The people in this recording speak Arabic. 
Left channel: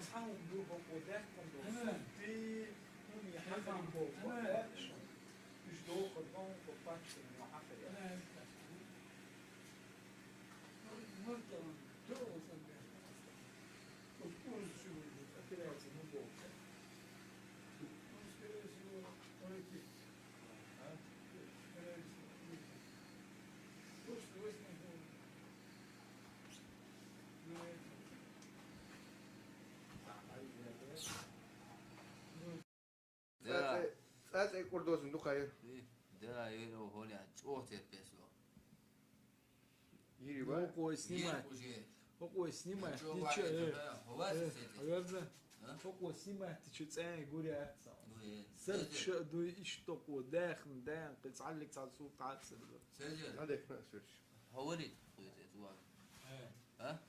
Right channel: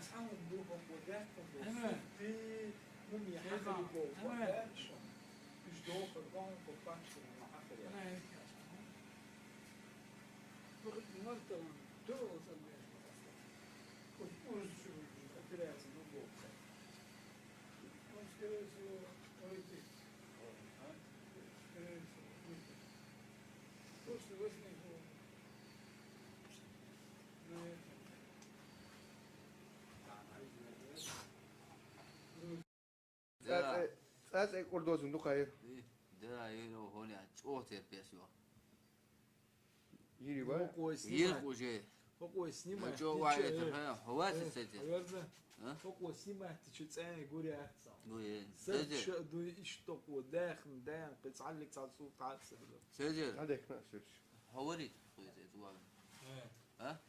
مسحهم بروحهم وذاكم في هم يحفلوا بوقت مش دوق الغون كوباتش من حفل يعني مرتبط دوق صندوق كل شو كده يسموه بوقت مشكلة شو ويتي مشكلة شو ويتي وش نقول ديرا فاز اي كل دوز ندوخ هاي ديرا يلو هوني أجوته بيسوا هو سنيما يلقوا شيء هو سنيما جو واحد هو تسجل هيرزا هو سنيما تشتسان يقول يا أحسن دوي سد شو سجل دو يشتق وداخل دان قيس عليك تعال صوت تعال سد سجل عندك ناس هو اللي تخويت ها